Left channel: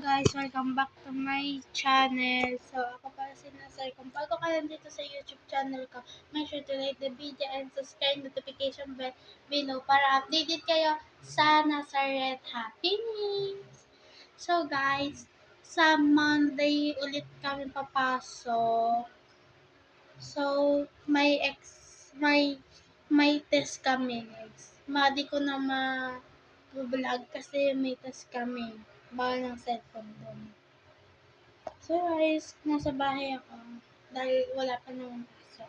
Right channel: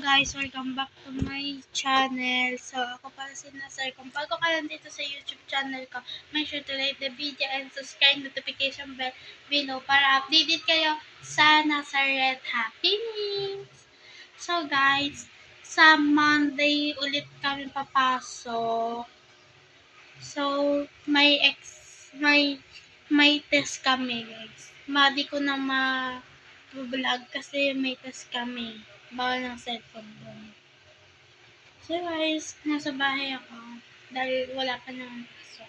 Guys, welcome back to my channel. So, ako pala si Nasar. Kung bago ka lang dito sa YouTube channel ko, make sure to like the video and subscribe notification bell below para updated kayo sa Nazaret Happenings. So, guys, sa Monday ulit kami papasok. So, may test kami, guys. Di ko na vlog kasi may test kami. Bawal ng cellphone doon. So guys, nasa bahay ako dahil wala pa naman pasok.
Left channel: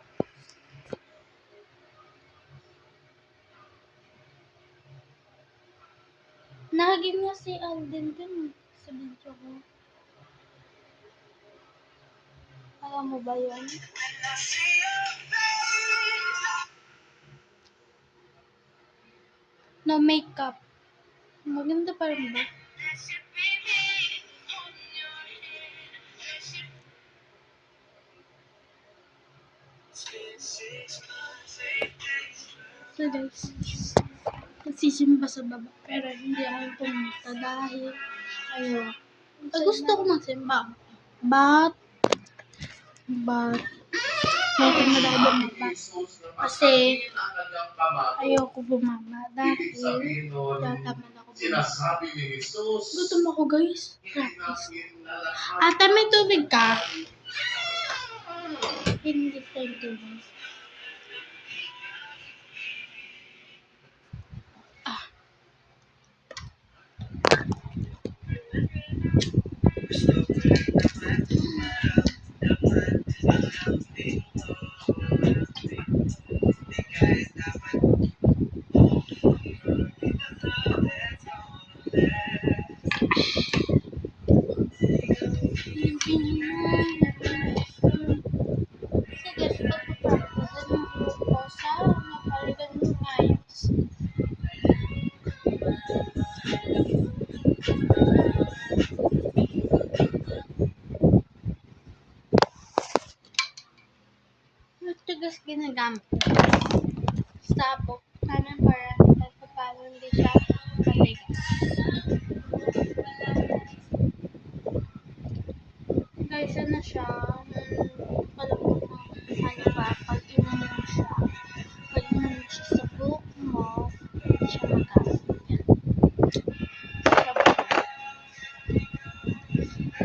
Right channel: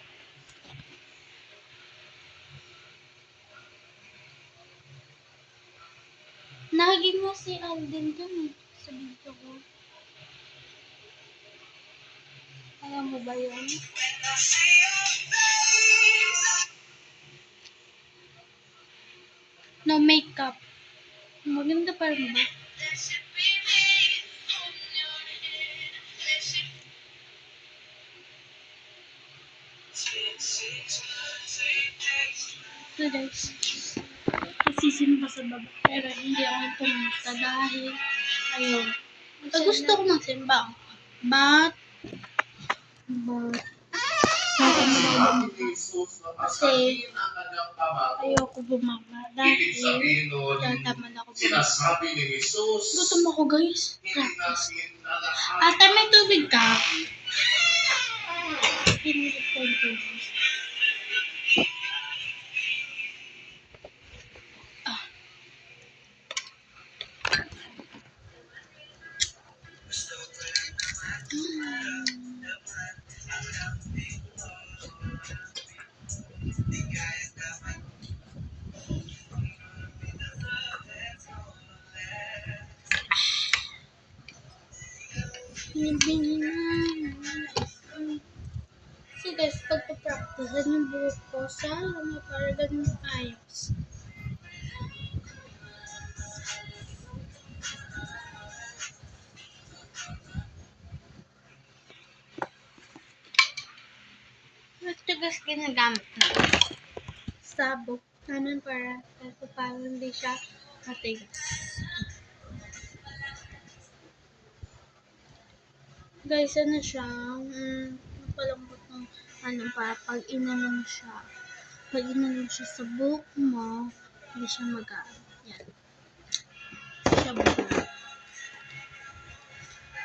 Naging mo si Alden dun sa video ko. Alam mo ba yun? No makeup. Maganda pa rin ba? So guys, nagsisimba sa baba pero hindi ako pumunta dahil gusto ko magsimba. But natamad ako bumaba kasi ayoko bumaba dahil natamad ako bumaba. Gutom ako guys. Ate, may tubig ka? Hindi ko tubig. So guys, pagpapractice yung buhok ko sa para ganun ayos. Ito guys, ginagamit na sabog namin para hindi siya matigas. Guys, ano siya, palambot ng pag inanon siya. Pag inanon siya sa buhok mo, hindi siya magamit. Yan. Sabog na.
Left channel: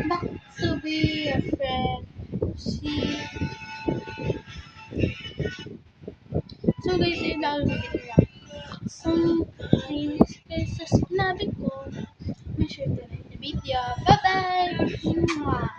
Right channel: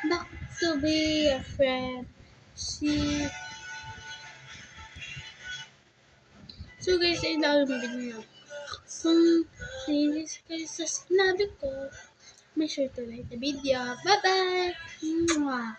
Back to be a friend. So guys, yun lang yung video lang. Kung nainis kayo sa sinabi ko, make sure to like the video. Bye-bye! Mwah!